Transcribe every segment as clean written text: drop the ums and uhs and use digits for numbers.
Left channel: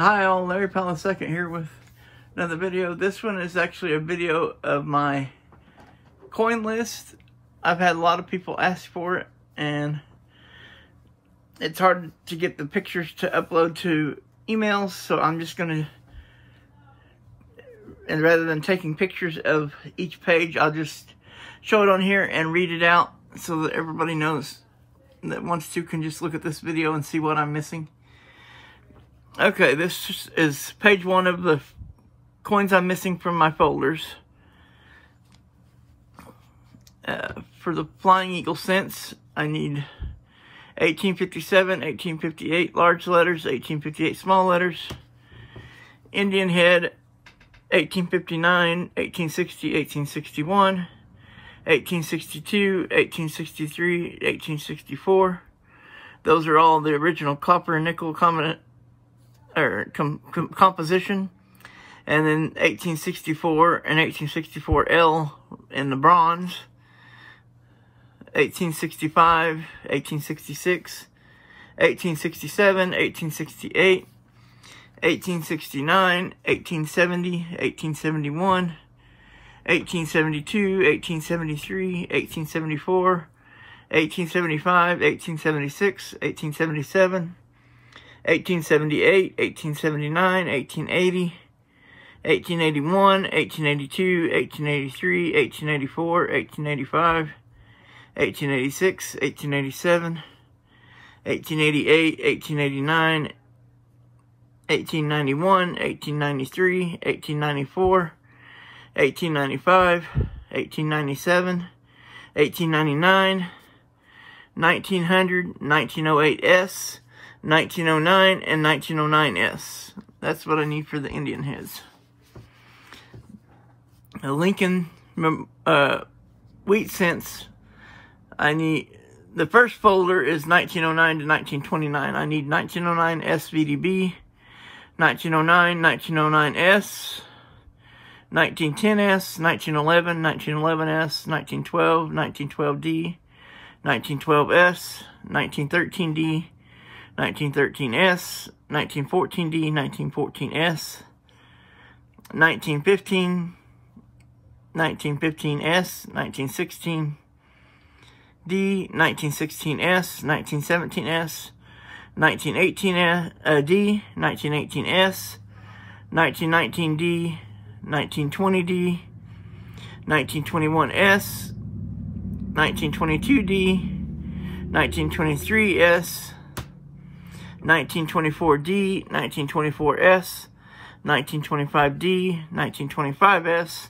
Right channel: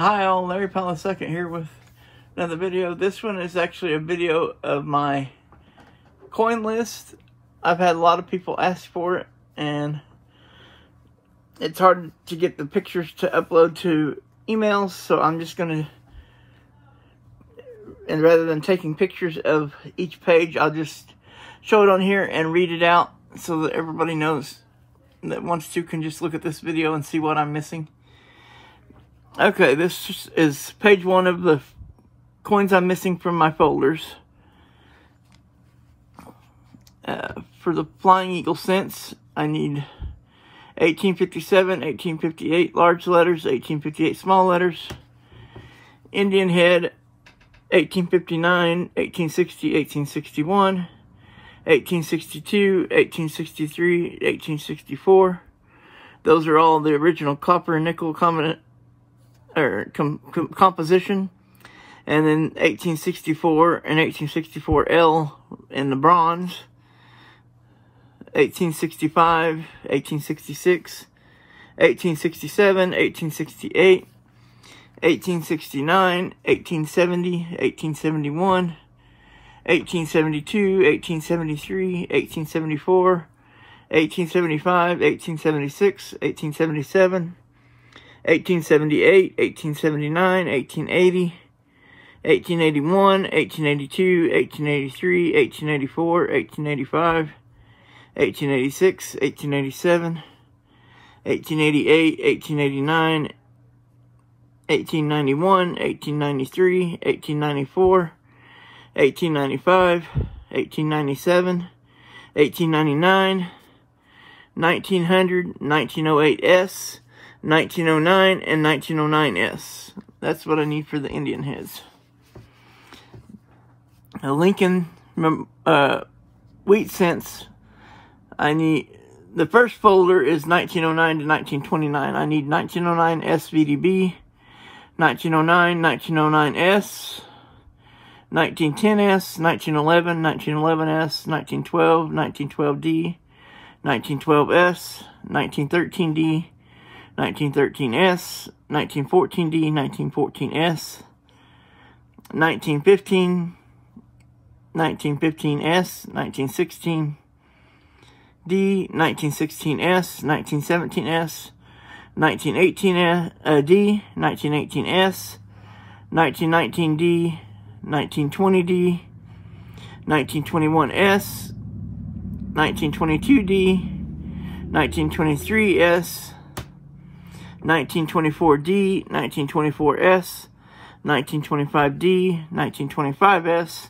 Hi all, Larry Powell II here with another video. This one is actually a video of my coin list. I've had a lot of people ask for it, and it's hard to get the pictures to upload to emails, so I'm just going to, and rather than taking pictures of each page, I'll just show it on here and read it out so that everybody knows that wants to can just look at this video and see what I'm missing. Okay, this is page 1 of the coins I'm missing from my folders. For the Flying Eagle cents, I need 1857, 1858 large letters, 1858 small letters. Indian head, 1859, 1860, 1861, 1862, 1863, 1864. Those are all the original copper and nickel composition, and then 1864 and 1864L in the bronze, 1865, 1866, 1867, 1868, 1869, 1870, 1871, 1872, 1873, 1874, 1875, 1876, 1877, 1878, 1879, 1880, 1881, 1882, 1883, 1884, 1885, 1886, 1887, 1888, 1889, 1891, 1893, 1894, 1895, 1897, 1899, 1900, 1908S, 1909 and 1909S. That's what I need for the Indian heads. The Lincoln wheat cents, I need, the first folder is 1909 to 1929. I need 1909 SVDB, 1909, 1909S, 1910S, 1911, 1911S, 1912, 1912D, 1912S, 1913D, 1913S, 1914D, 1914S, 1915, 1915S, 1916D, 1916S, 1917S, 1918D, 1918S, 1919D, 1920D, 1921S, 1922D, 1923S, 1924D, 1924S, 1925D, 1925S,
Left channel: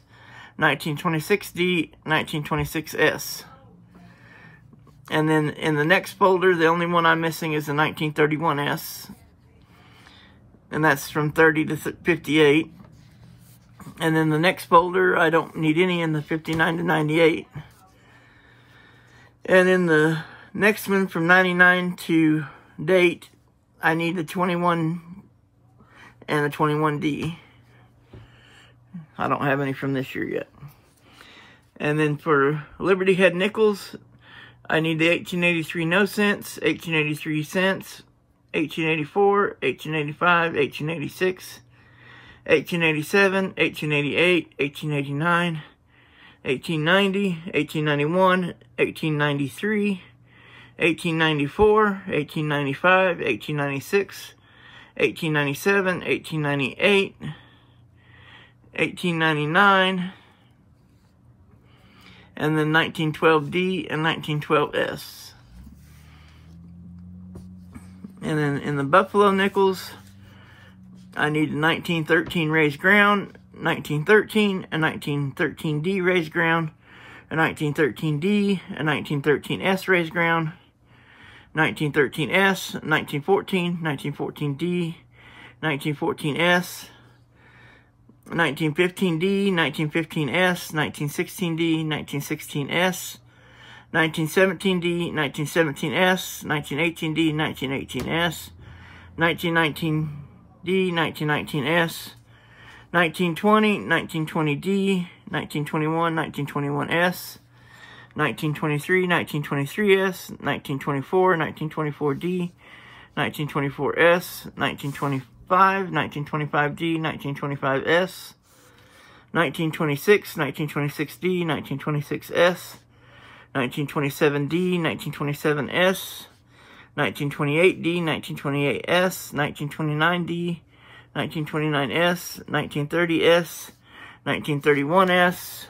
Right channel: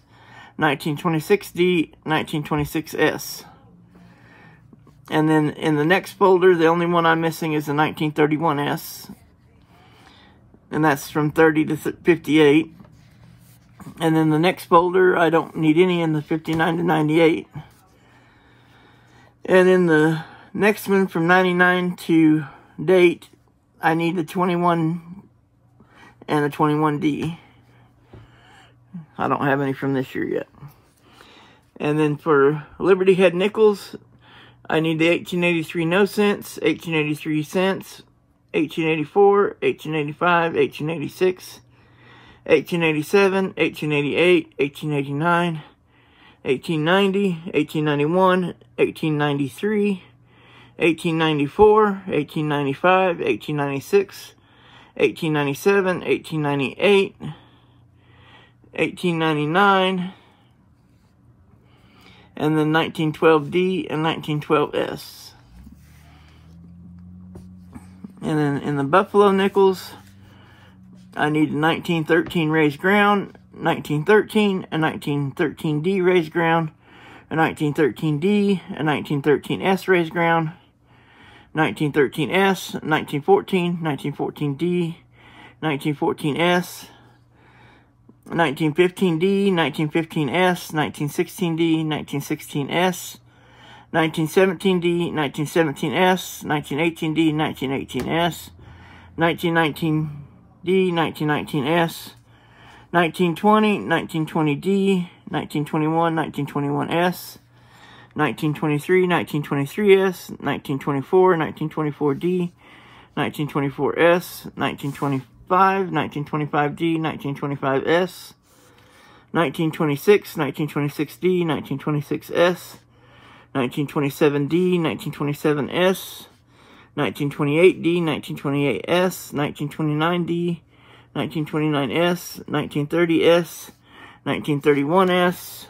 1926D, 1926S. And then in the next folder, the only one I'm missing is the 1931S. And that's from 30 to 58. And then the next folder, I don't need any in the 59 to 98. And then the next one from 99 to date, I need the 21 and the 21D. I don't have any from this year yet. And then for Liberty Head nickels, I need the 1883 no cents, 1883 cents, 1884, 1885, 1886, 1887, 1888, 1889, 1890, 1891, 1893, 1894, 1895, 1896, 1897, 1898, 1899, and then 1912D and 1912S. And then in the Buffalo nickels, I need a 1913 raised ground, 1913, a 1913D raised ground, a 1913D, a 1913S raised ground, 1913S, 1914, 1914D, 1914S, 1915D, 1915S, 1916D, 1916S, 1917D, 1917S, 1918D, 1918S, 1919D, 1919S, 1920, 1920D, 1921, 1921S, 1923, 1923S, 1924, 1924D, 1924S, 1925D, 1925S, 1926, 1926D, 1926S, 1927D, 1927S, 1928D, 1928S, 1929D, 1929S, 1930S, 1931S,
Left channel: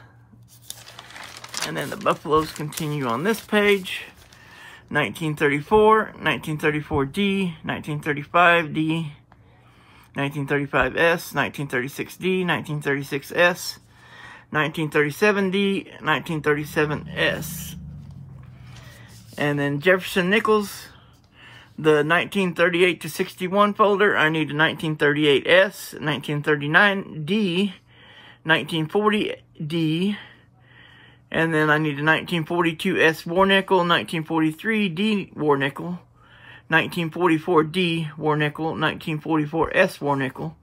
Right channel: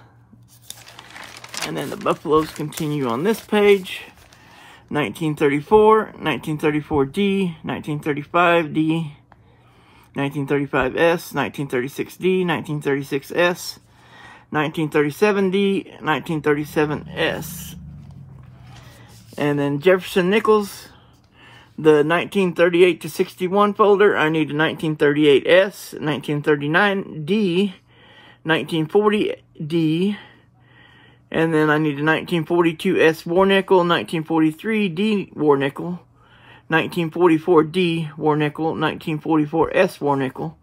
and then the buffaloes continue on this page. 1934, 1934D, 1935D, 1935S, 1936D, 1936S, 1937D, 1937S. And then Jefferson Nichols, the 1938 to 61 folder, I need a 1938S, 1939D, 1940D, and then I need a 1942S war nickel, 1943D war nickel, 1944D war nickel, 1944S war nickel,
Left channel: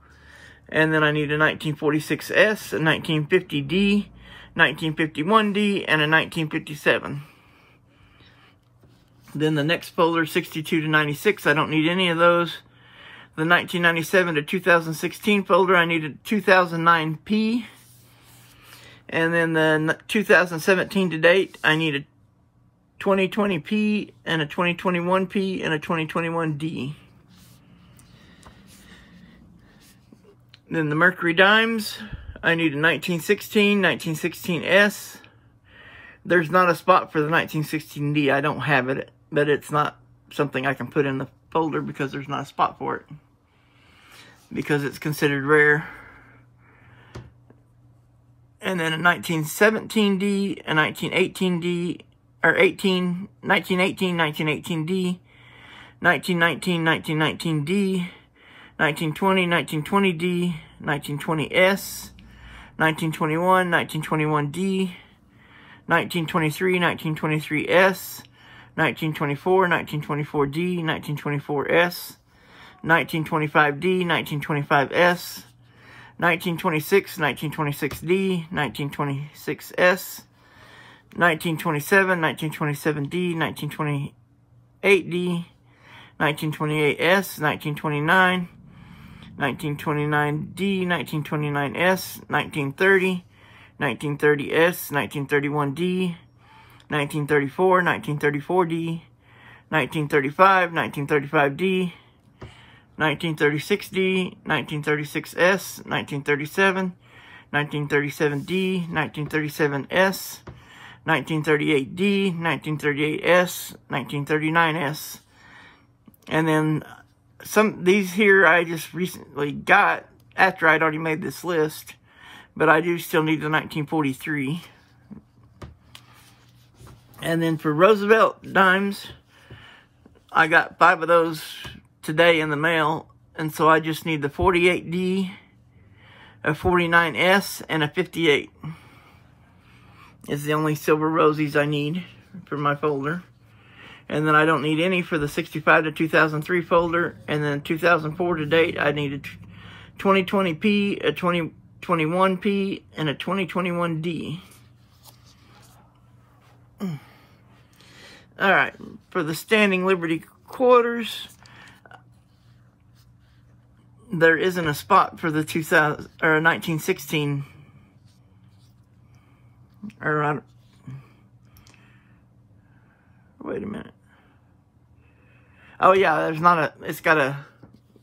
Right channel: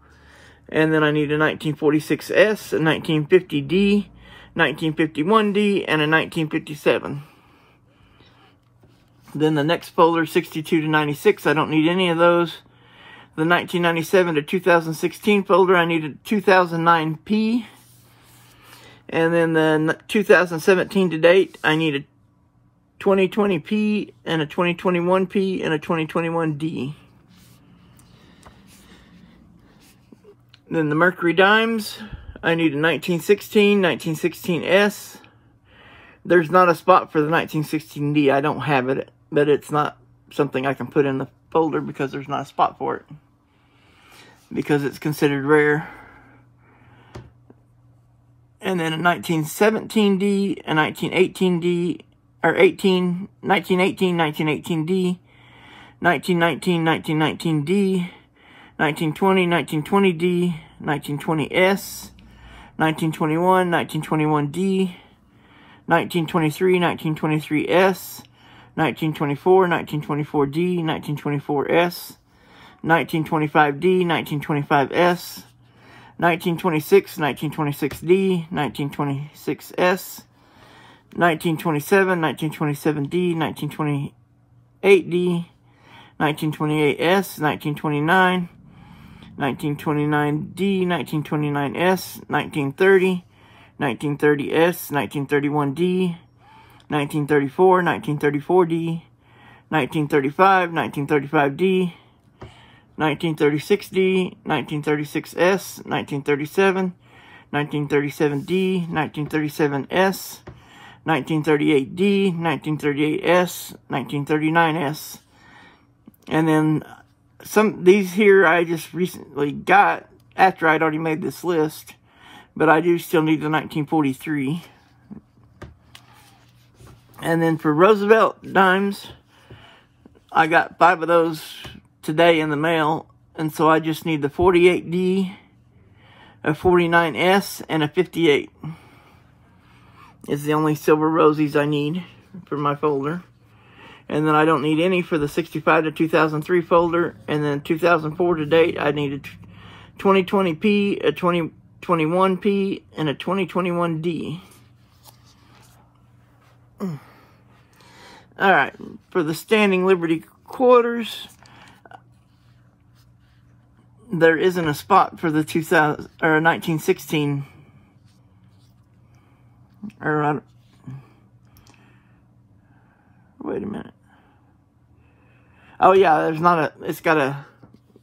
and then I need a 1946S, a 1950D, 1951D, and a 1957. Then the next folder, 62 to 96, I don't need any of those. The 1997 to 2016 folder, I need a 2009P. And then the 2017 to date, I need a 2020P and a 2021P and a 2021D. Then the Mercury Dimes, I need a 1916, 1916S. There's not a spot for the 1916D. I don't have it, but it's not something I can put in the folder because there's not a spot for it, because it's considered rare. And then a 1917D, a 1918D, or 1918, 1918D, 1919, 1919D, 1920, 1920D, 1920S, 1921, 1921D, 1923, 1923S, 1924, 1924D, 1924S, 1925D, 1925S, 1926, 1926D, 1926S, 1927, 1927D, 1928D, 1928S, 1929, 1929D, 1929S, 1930, 1930S, 1931D, 1934, 1934D, 1935, 1935D, 1936D, 1936S, 1937, 1937D, 1937S, 1938D, 1938S, 1939S. And then these here I just recently got after I'd already made this list, but I do still need the 1943. And then for Roosevelt dimes, I got 5 of those today in the mail, and so I just need the 48D, a 49S, and a 58. Is the only silver rosies I need for my folder. And then I don't need any for the 65 to 2003 folder, and then 2004 to date I need a 2020P, a 2021P, and a 2021D. Alright, for the Standing Liberty quarters, there isn't a spot for the 1916, or wait a minute. Oh yeah, there's not a, it's got a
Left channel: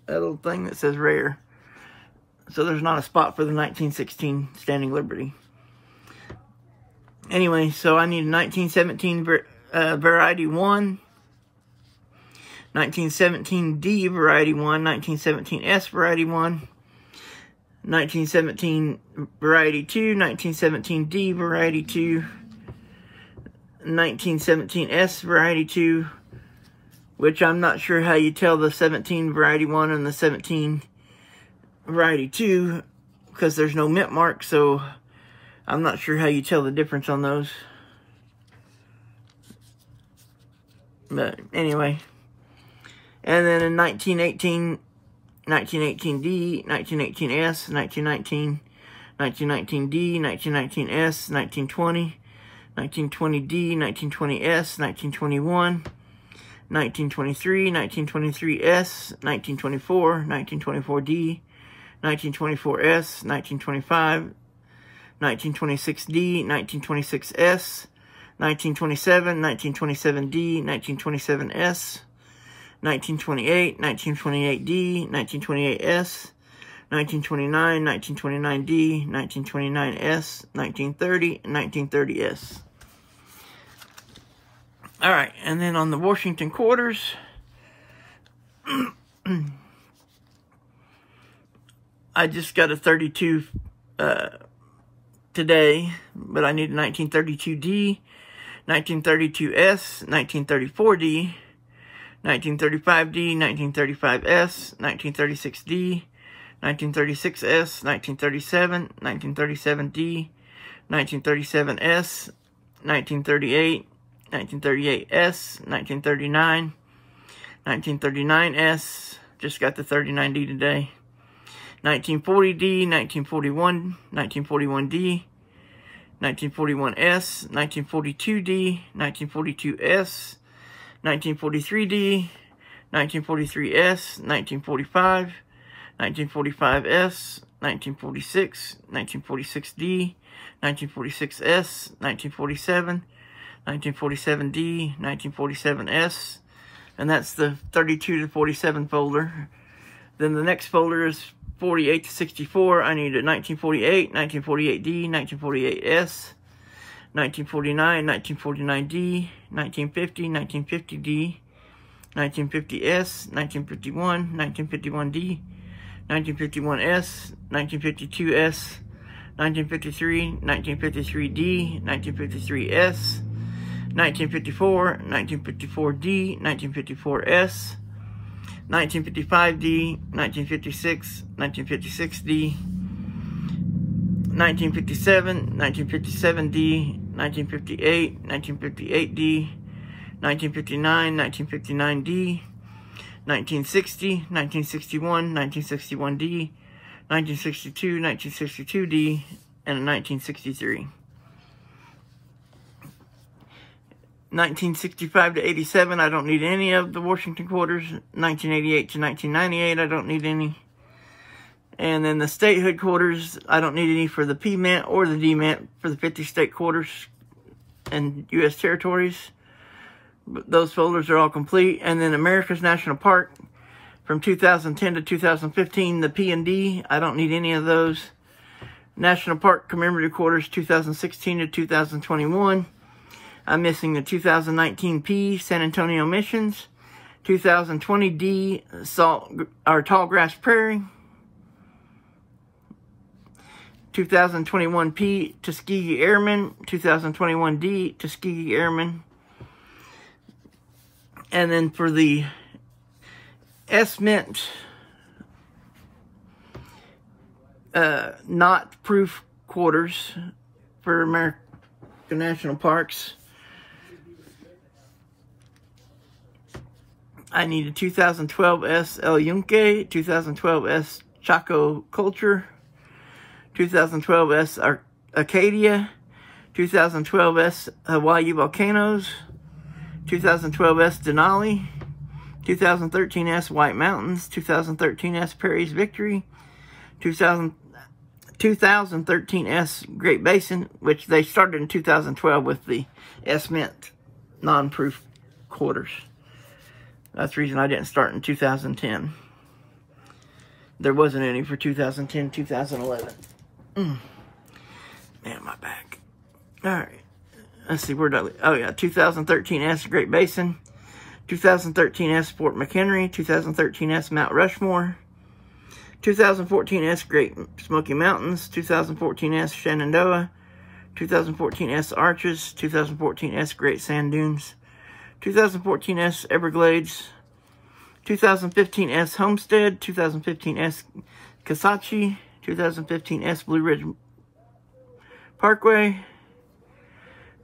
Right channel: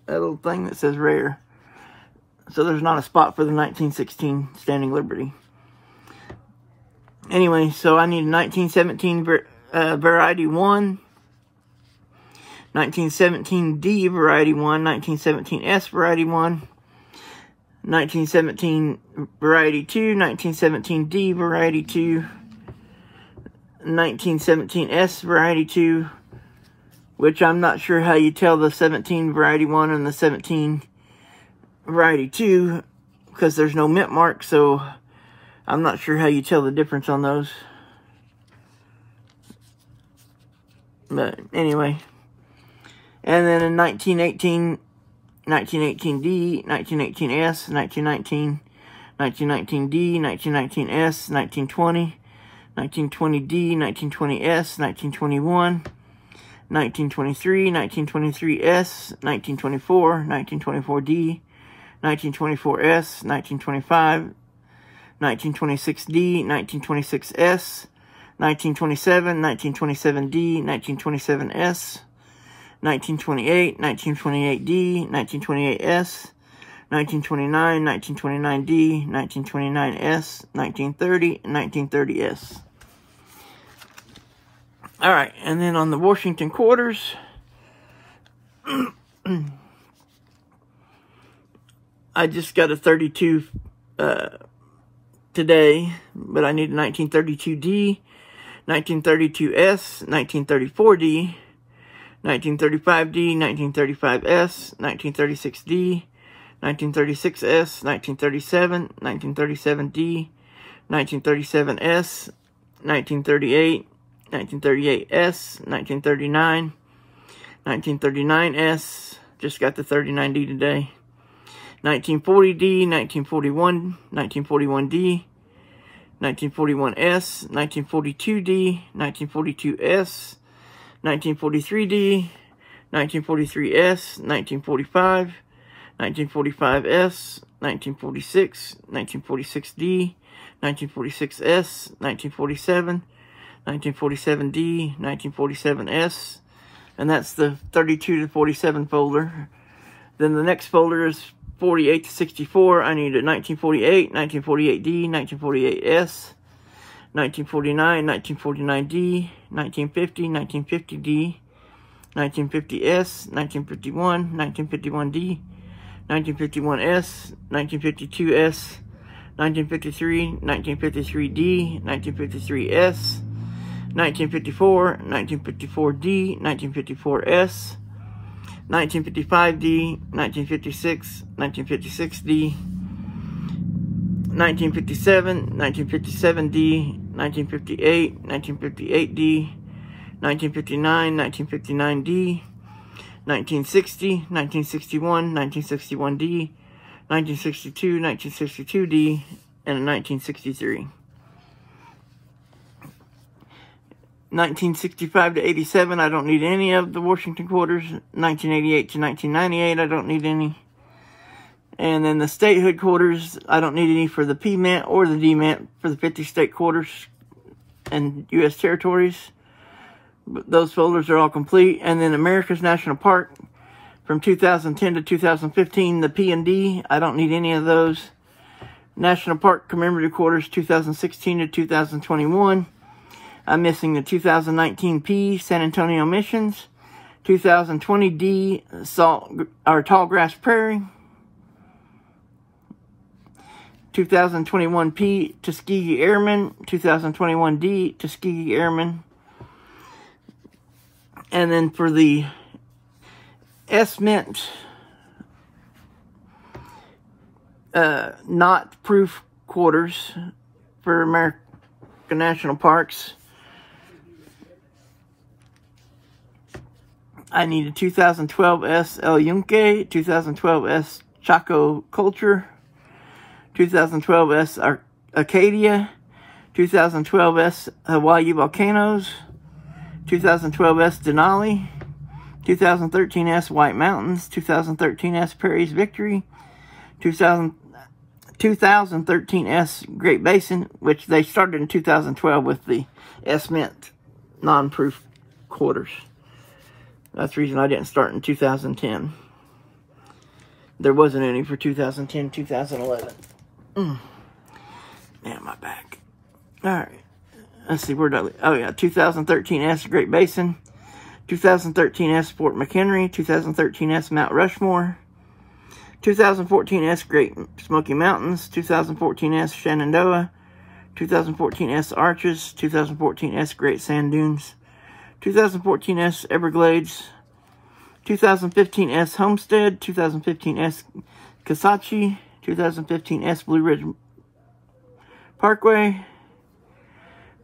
little thing that says rare. So there's not a spot for the 1916 Standing Liberty. Anyway, so I need a 1917 Variety 1, 1917D Variety 1, 1917S Variety 1, 1917 Variety 2, 1917D Variety 2, 1917S Variety 2, which I'm not sure how you tell the 17 Variety 1 and the 17 Variety 2, because there's no mint mark, so I'm not sure how you tell the difference on those. But anyway. And then in 1918, 1918D, 1918S, 1919, 1919D, 1919S, 1920, 1920D, 1920S, 1921, 1923, 1923S, 1924, 1924D, 1924S, 1925, 1926D, 1926S, 1927, 1927D, 1927S, 1928, 1928D, 1928S, 1929, 1929D, 1929S, 1930, and 1930S. Alright, and then on the Washington quarters, I just got a 32 today, but I need a 1932D, 1932S, 1934D, 1935D, 1935S, 1936D, 1936S, 1937, 1937D, 1937S, 1938, 1938S, 1939, 1939S, just got the 39D today, 1940D, 1941, 1941D, 1941S, 1942D, 1942S, 1943D, 1943S, 1945, 1945S, 1946, 1946D, 1946S, 1947, 1947D, 1947S, and that's the 32 to 47 folder. Then the next folder is 48 to 64. I need a 1948, 1948D, 1948S, 1949, 1949D, 1950, 1950D, 1950S, 1951, 1951D, 1951S, 1952S, 1953, 1953D, 1953S, 1954, 1954D, 1954S, 1955D, 1956, 1956D, 1957, 1957D, 1958, 1958D, 1959, 1959D, 1960, 1961, 1961D, 1962, 1962D, and a 1963. 1965 to 87, I don't need any of the Washington quarters. 1988 to 1998, I don't need any. And then the statehood quarters, I don't need any for the P-Mint or the D-Mint for the 50 state quarters and U.S. territories. But those folders are all complete. And then America's National Park from 2010 to 2015, the P and D, I don't need any of those. National Park commemorative quarters 2016 to 2021. I'm missing the 2019 P, San Antonio Missions, 2020 D, Tall Grass Prairie, 2021 P, Tuskegee Airmen, 2021 D, Tuskegee Airmen. And then for the S-Mint, not proof quarters for American National Parks, I need a 2012S El Yunque, 2012S Chaco Culture, 2012S Acadia, 2012S Hawaii Volcanoes, 2012S Denali, 2013S White Mountains, 2013S Prairie's Victory, 2013S Great Basin, which they started in 2012 with the S-Mint non-proof quarters. That's the reason I didn't start in 2010. There wasn't any for 2010, 2011. Man, my back. Alright. Let's see, where did I leave? Oh yeah, 2013S Great Basin, 2013S Fort McHenry, 2013S Mount Rushmore, 2014S Great Smoky Mountains, 2014S Shenandoah, 2014S Arches, 2014S Great Sand Dunes, 2014S Everglades, 2015S Homestead, 2015S Kisatchie, 2015S Blue Ridge Parkway,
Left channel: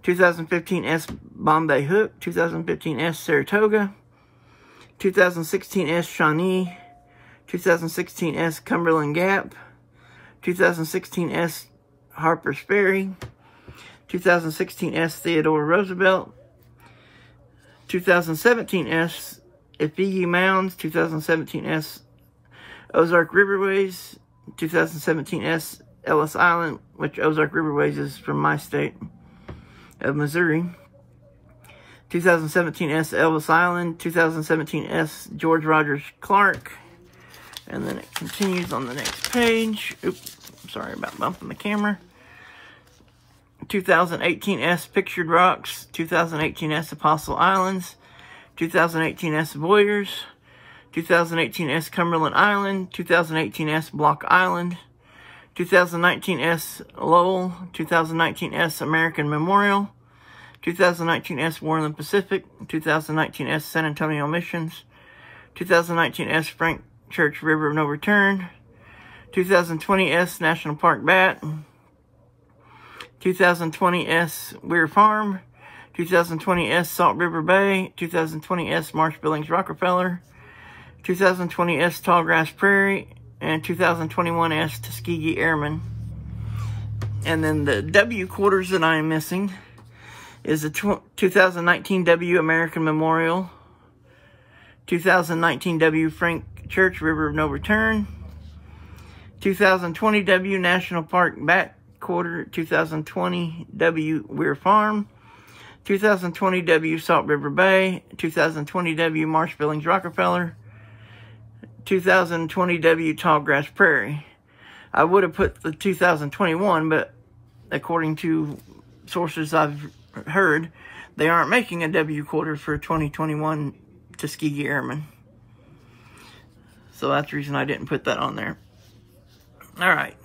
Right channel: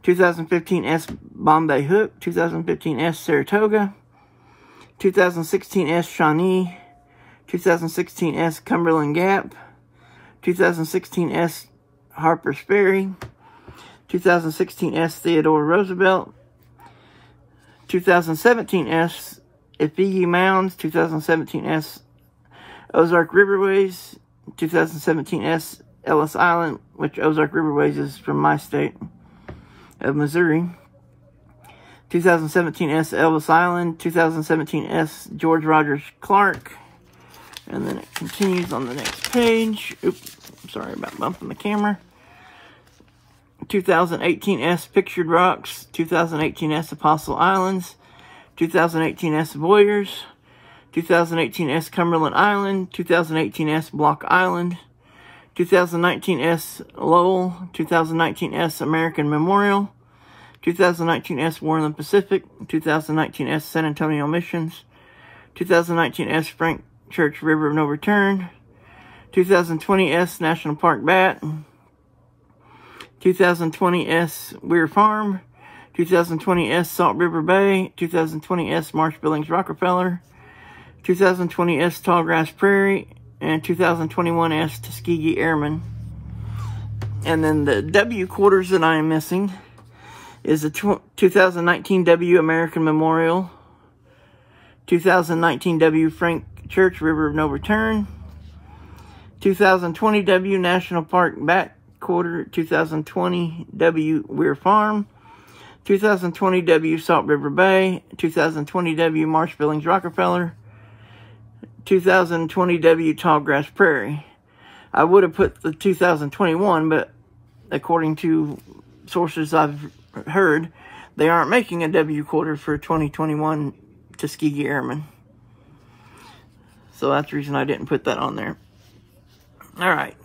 2015S Bombay Hook, 2015S Saratoga, 2016S Shawnee, 2016S Cumberland Gap, 2016S Harper's Ferry, 2016S Theodore Roosevelt, 2017 S, Ifigi Mounds. 2017 S, Ozark Riverways. 2017 S, Ellis Island, which Ozark Riverways is from my state of Missouri. 2017 S, Ellis Island. 2017 S, George Rogers Clark. And then it continues on the next page. Oops, sorry about bumping the camera. 2018 S, Pictured Rocks. 2018 S, Apostle Islands. 2018 S, Voyeurs. 2018 S, Cumberland Island. 2018 S, Block Island. 2019 S, Lowell. 2019 S, American Memorial. 2019 S, Warren Pacific. 2019 S, San Antonio Missions. 2019 S, Frank Church River of No Return. 2020 S, National Park Bat. 2020 S, Weir Farm. 2020 S, Salt River Bay. 2020 S, Marsh Billings Rockefeller. 2020 S, Tallgrass Prairie. And 2021 S, Tuskegee Airmen. And then the W quarters that I am missing is the 2019 W American Memorial. 2019 W Frank Church River of No Return. 2020 W National Park Bat Quarter. 2020 W Weir Farm. 2020 W Salt River Bay. 2020 W Marsh Billings Rockefeller. 2020 W Tallgrass Prairie. I would have put the 2021, but according to sources I've heard, they aren't making a W quarter for 2021 Tuskegee Airmen. So that's the reason I didn't put that on there. Alright.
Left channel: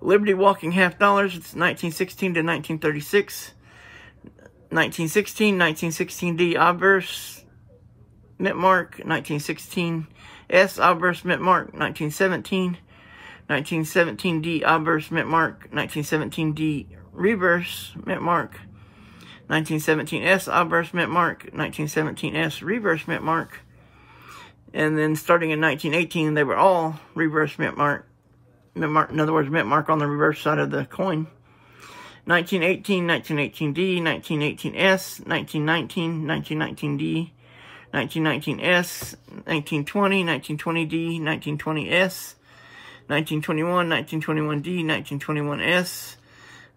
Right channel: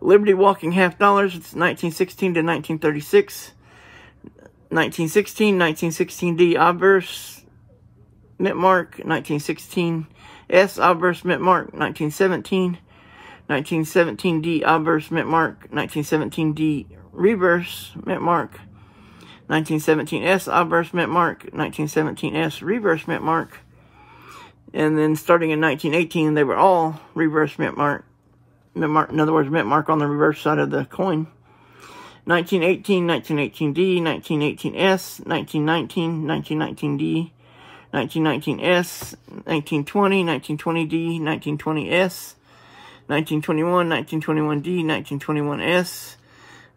Liberty Walking $50. It's 1916 to 1936. 1916, 1916D obverse mint mark. 1916 S obverse mint mark. 1917. 1917D obverse mint mark. 1917D reverse mint mark. 1917S obverse mint mark. 1917S reverse mint mark. And then starting in 1918, they were all reverse mint mark. In other words, mint mark on the reverse side of the coin. 1918, 1918D, 1918S, 1919, 1919D, 1919S, 1920, 1920D, 1920S, 1921, 1921D, 1921S,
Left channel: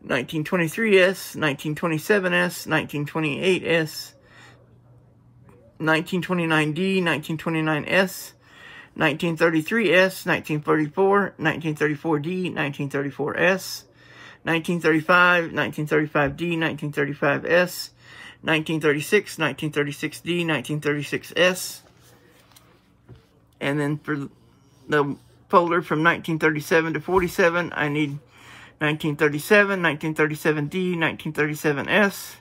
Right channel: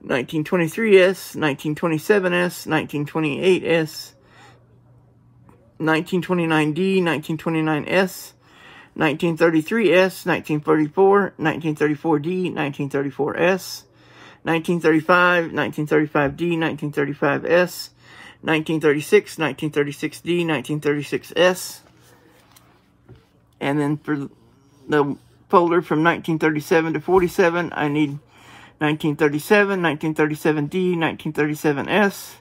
1923S, 1927S, 1928S, 1929D, 1929S, 1933S, 1934, 1934D, 1934S, 1935, 1935D, 1935S, 1936, 1936D, 1936S. And then for the folder from 1937 to 47, I need 1937, 1937D, 1937S,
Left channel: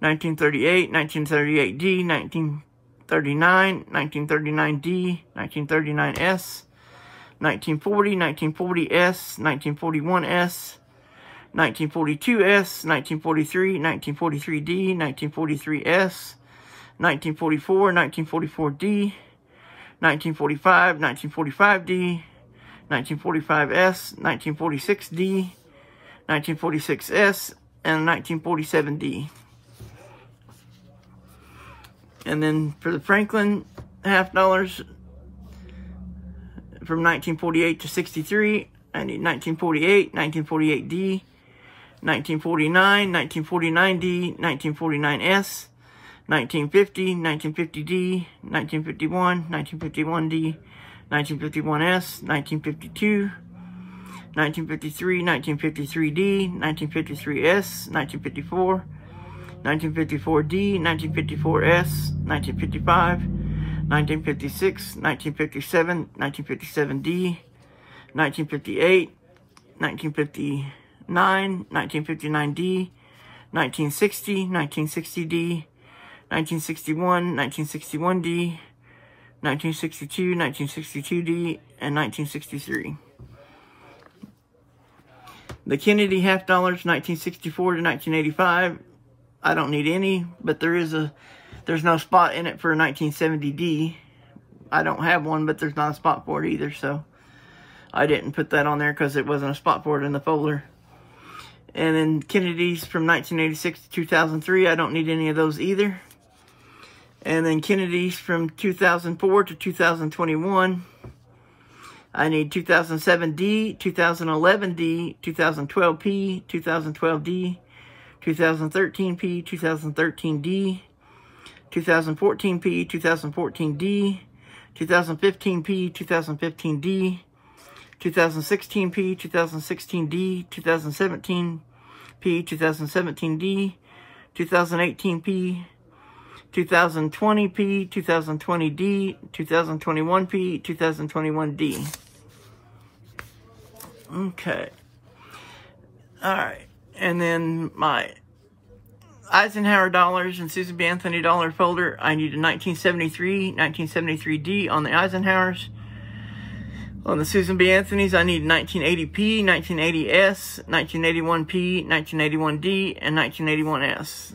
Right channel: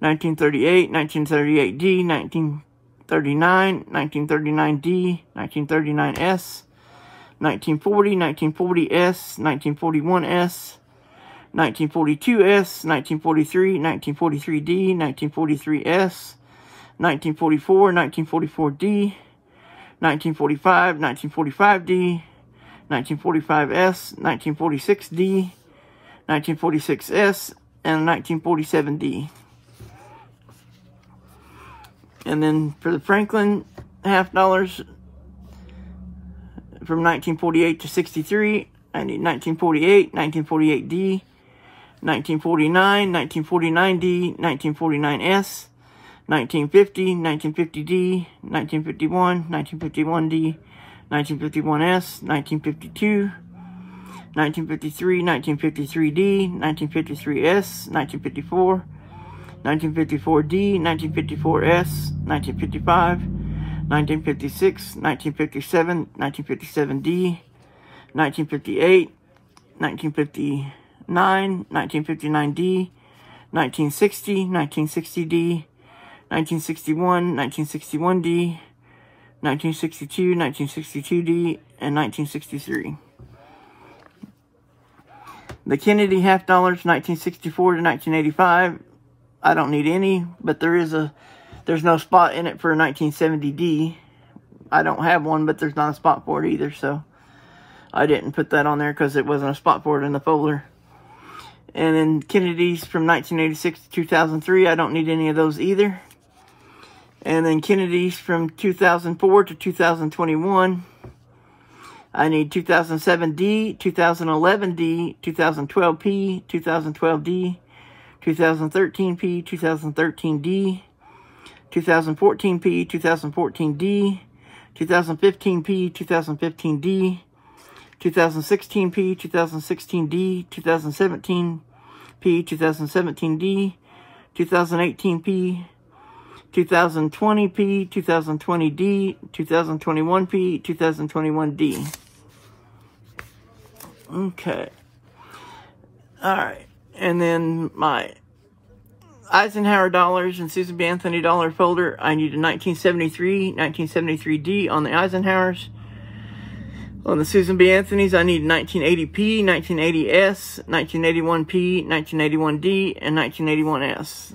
1938, 1938D, 1939, 1939D, 1939S, 1940, 1940S, 1941S, 1942S, 1943, 1943D, 1943S, 1944, 1944D, 1945, 1945D, 1945S, 1946D, 1946S, and 1947D. And then for the Franklin $50, from 1948 to 63, I need 1948, 1948D, 1949, 1949D, 1949S, 1950, 1950D, 1951, 1951D, 1951S, 1952, 1953, 1953D, 1953S, 1954, 1954D, 1954S, 1955, 1956, 1957, 1957D, 1958, 1959, 1959D, 1960, 1960D, 1961, 1961D, 1962, 1962D, and 1963. The Kennedy $50, 1964 to 1985. I don't need any, but there's no spot in it for a 1970D. I don't have one, but there's not a spot for it either, so I didn't put that on there because it wasn't a spot for it in the folder. And then Kennedy's from 1986 to 2003. I don't need any of those either. And then Kennedy's from 2004 to 2021. I need 2007D, 2011D, 2012P, 2012D, 2013P, 2013D, 2014P, 2014D, 2015P, 2015D, 2016P, 2016D, 2017P, 2017D, 2018P, 2020P, 2020D, 2021P, 2021D. Okay. Alright. And then my Eisenhower Dollars and Susan B. Anthony dollar folder, I need a 1973D on the Eisenhowers. On the Susan B. Anthony's, I need 1980P, 1980S, 1981P, 1981D, and 1981S.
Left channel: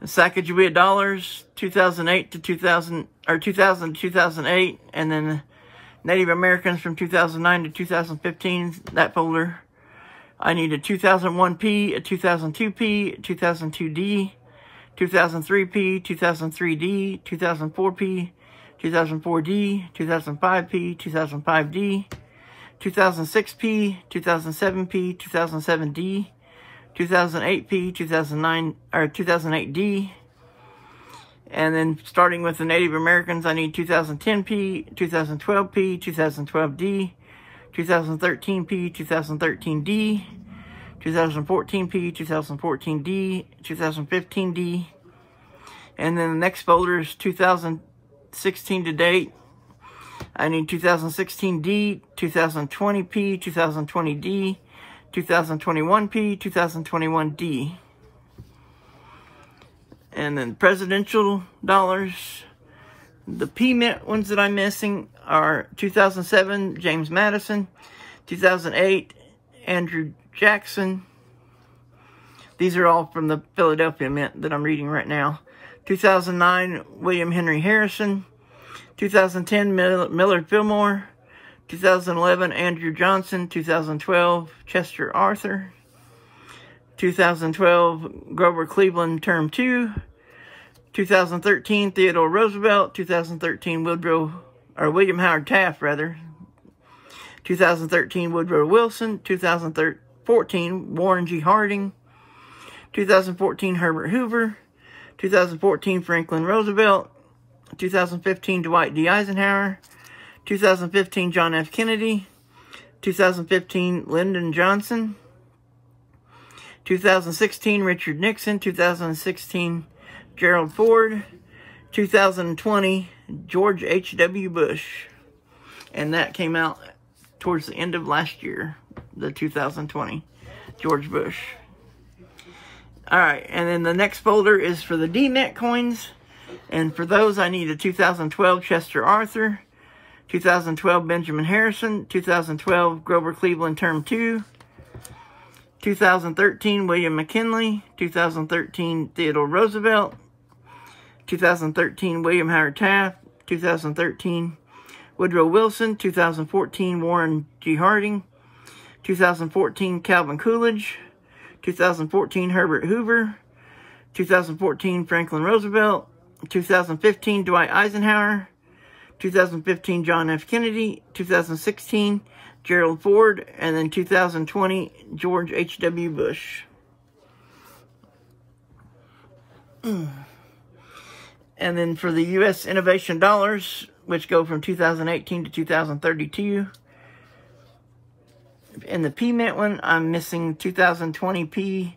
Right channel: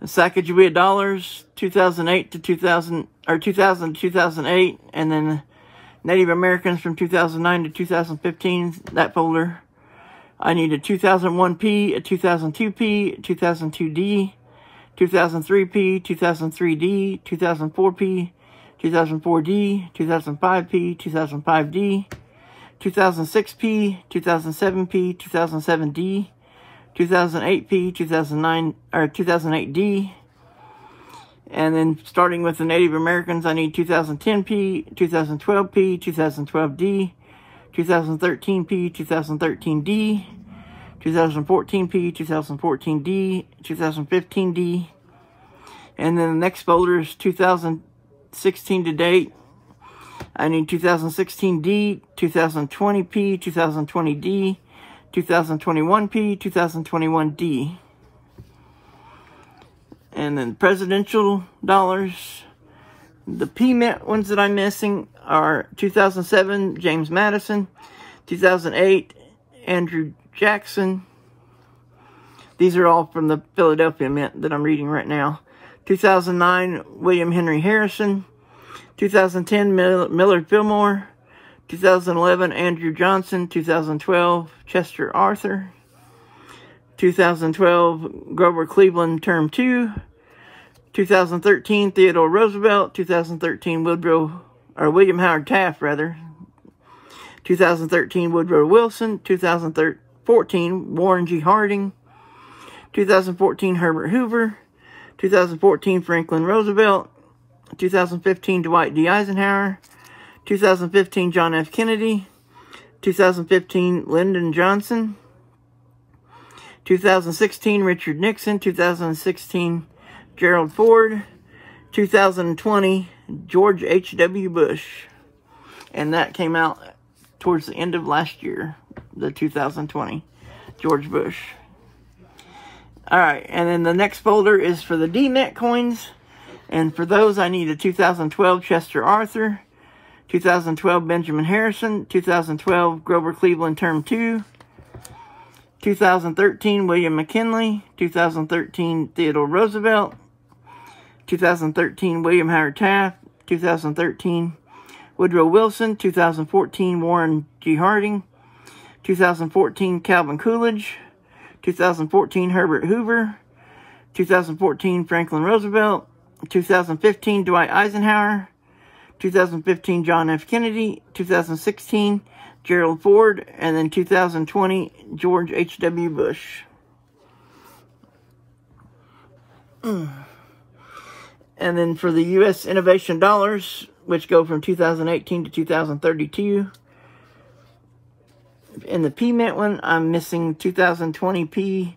The Sacagawea Dollars, 2008 to 2000 to 2008, and then Native Americans from 2009 to 2015, that folder. I need a 2001P, a 2002P, a 2002D, 2003P, 2003D, 2004P, 2004D, 2005P, 2005D, 2006P, 2007P, 2007D, 2008P, 2009 or 2008D, and then starting with the Native Americans, I need 2010P, 2012P, 2012D, 2013P, 2013D, 2014P, 2014D, 2015D, and then the next folder is 2016 to date. I need 2016D, 2020P, 2020D, 2021P, 2021D. And then presidential dollars. The P-Mint ones that I'm missing are 2007, James Madison, 2008, Andrew Jackson. These are all from the Philadelphia Mint that I'm reading right now. 2009, William Henry Harrison. 2010, Millard Fillmore. 2011, Andrew Johnson. 2012, Chester Arthur. 2012, Grover Cleveland, Term 2. 2013, Theodore Roosevelt. 2013, William Howard Taft, rather. 2013, Woodrow Wilson. 2014, Warren G. Harding. 2014, Herbert Hoover. 2014, Franklin Roosevelt. 2015, Dwight D. Eisenhower. 2015, John F. Kennedy. 2015, Lyndon Johnson. 2016, Richard Nixon. 2016, Gerald Ford. 2020, George H.W. Bush. And that came out towards the end of last year, the 2020, George Bush. Alright, and then the next folder is for the D-Mint coins. And for those, I need a 2012 Chester Arthur, 2012 Benjamin Harrison, 2012 Grover Cleveland Term 2, 2013 William McKinley, 2013 Theodore Roosevelt, 2013 William Howard Taft, 2013 Woodrow Wilson, 2014 Warren G. Harding, 2014 Calvin Coolidge, 2014 Herbert Hoover, 2014 Franklin Roosevelt, 2015 Dwight Eisenhower, 2015 John F. Kennedy, 2016 Gerald Ford, and then 2020 George H.W. Bush. And then for the U.S. Innovation Dollars, which go from 2018 to 2032. In the P-Mint one, I'm missing 2020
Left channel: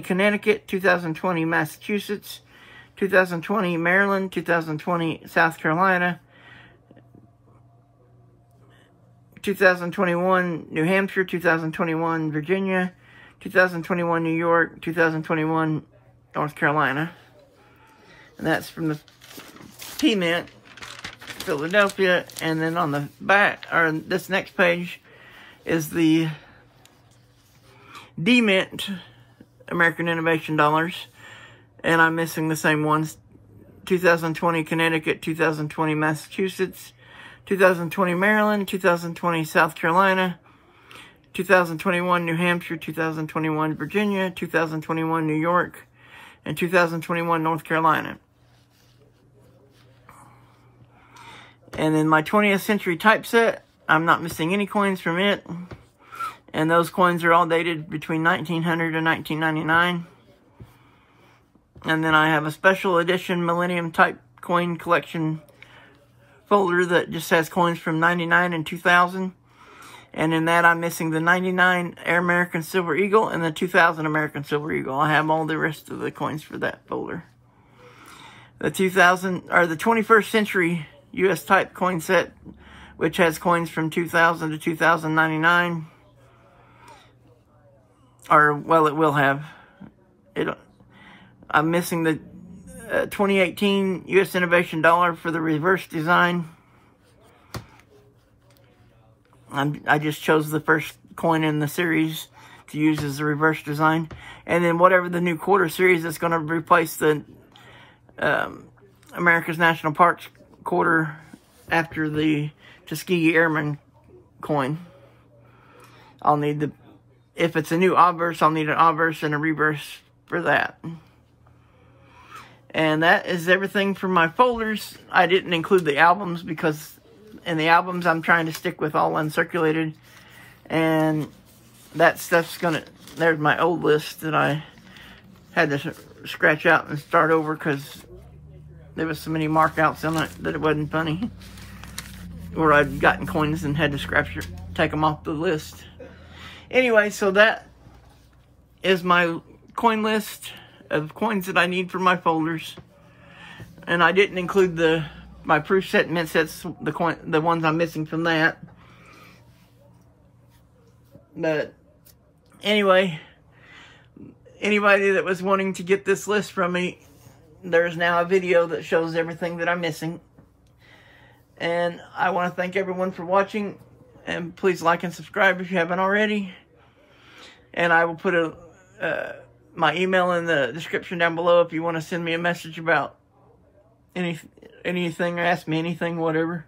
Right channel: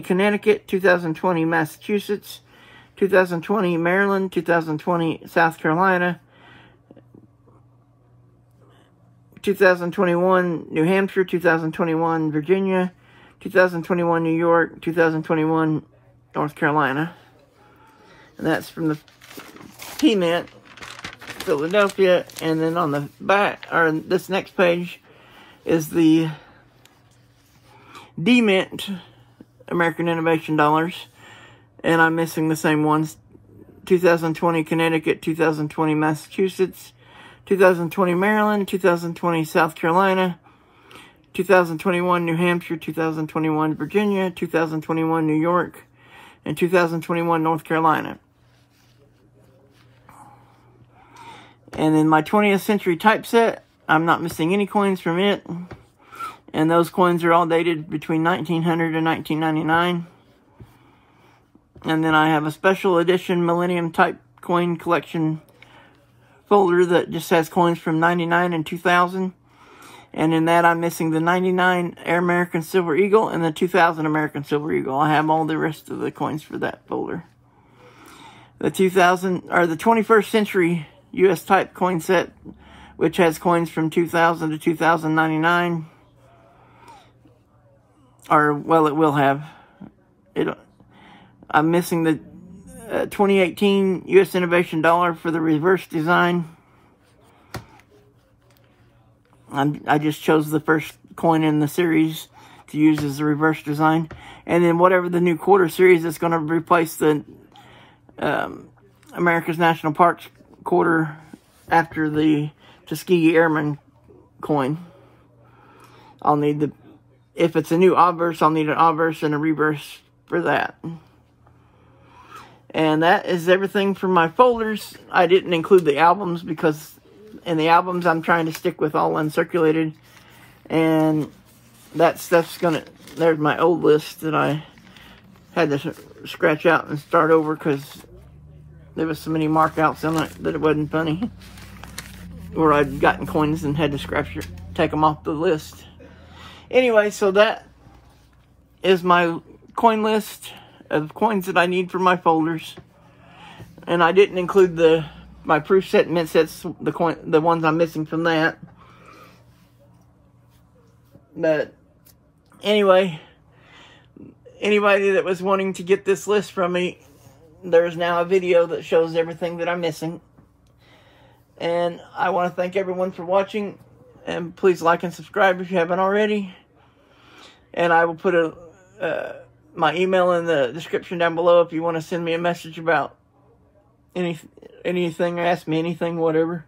Connecticut, 2020 Massachusetts, 2020 Maryland, 2020 South Carolina, 2021 New Hampshire, 2021 Virginia, 2021 New York, 2021 North Carolina. And that's from the P-Mint, Philadelphia. And then on the back, or this next page, is the D-Mint American Innovation Dollars. And I'm missing the same ones. 2020 Connecticut, 2020 Massachusetts, 2020 Maryland, 2020 South Carolina, 2021 New Hampshire, 2021 Virginia, 2021 New York, and 2021 North Carolina. And then my 20th century typeset, I'm not missing any coins from it. And those coins are all dated between 1900 and 1999. And then I have a special edition Millennium type coin collection folder that just has coins from 99 and 2000. And in that, I'm missing the 99 American Silver Eagle and the 2000 American Silver Eagle. I have all the rest of the coins for that folder. The 21st century U.S. type coin set, which has coins from 2000 to 2099. Or, well, it will have. I'm missing the 2018 U.S. Innovation Dollar for the reverse design. I just chose the first coin in the series to use as the reverse design. And then whatever the new quarter series is going to replace the America's National Parks quarter after the Tuskegee Airman coin. I'll need the, if it's a new obverse, I'll need an obverse and a reverse for that. And that is everything for my folders. I didn't include the albums because in the albums I'm trying to stick with all uncirculated. And that stuff's gonna, there's my old list that I had to scratch out and start over because there was so many markouts on it that it wasn't funny. Or I'd gotten coins and had to take them off the list. Anyway, so that is my coin list of coins that I need for my folders. And I didn't include my proof set and mint sets, the ones I'm missing from that. But anyway, anybody that was wanting to get this list from me, there's now a video that shows everything that I'm missing. And I want to thank everyone for watching. And please like and subscribe if you haven't already. And I will put my email in the description down below if you want to send me a message about anything or ask me anything, whatever.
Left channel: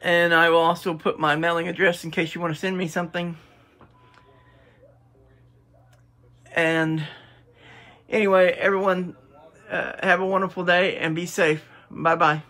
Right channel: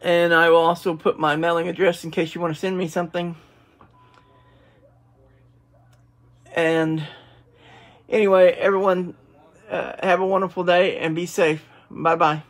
And I will also put my mailing address in case you want to send me something. And anyway, everyone, have a wonderful day and be safe. Bye-bye.